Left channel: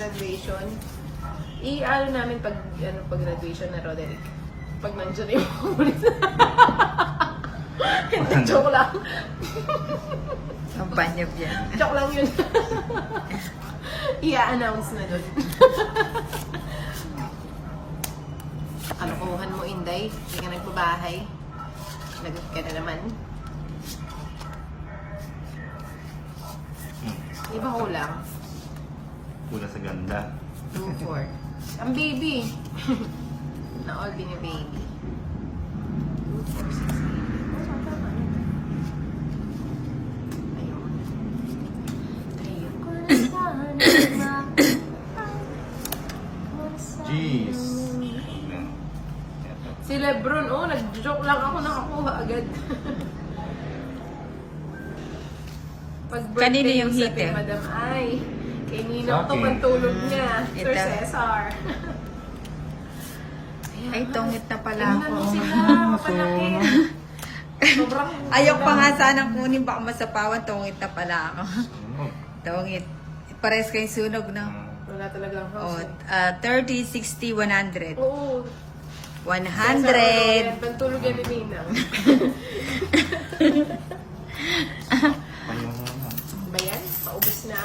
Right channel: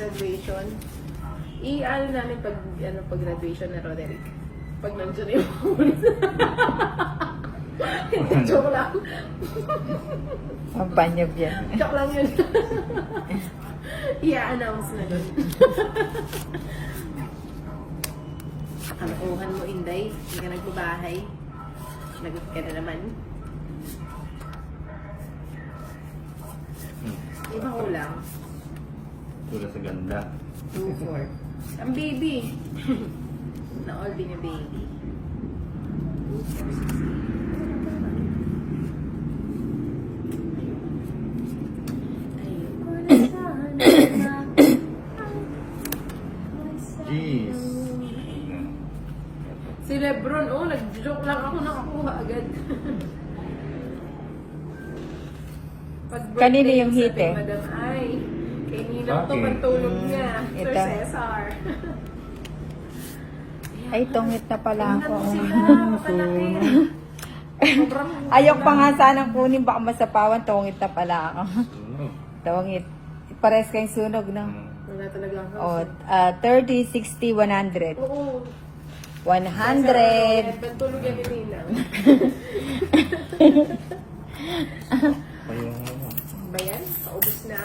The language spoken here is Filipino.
graduation. I-ano namin pag graduation na Roderick. Pag nandiyan na yung hindi, joke lang. Ang panyab yan. Joke lang yun. I-announce na doon. Kalokohan mo, Inday. Hindi ka nagpabahay. Lagot ka na naman. Iba kulang. Kulang sa ganda. 2-4. Ang baby. Na all being a baby. 2-4, 6, Jeez. si Lebron, nag-joke lang ako, nakakuha agad. Kanino yung heater? Madam Ay, kay Ninong to, Sa akin. pantulog niya. Sir Ito. Cesar. Ay, tungit na pala ako. Sobrang Ayaw pa nga sanang kunin, baka masapawan, tungit na pala ako. Tungit. Pares kayong sunog, no? wala talaga ang O, house. 30, 60, 100. Oo. 100. Pantulog yan ni Ninang. Ano yung Ba yan? Paubos na.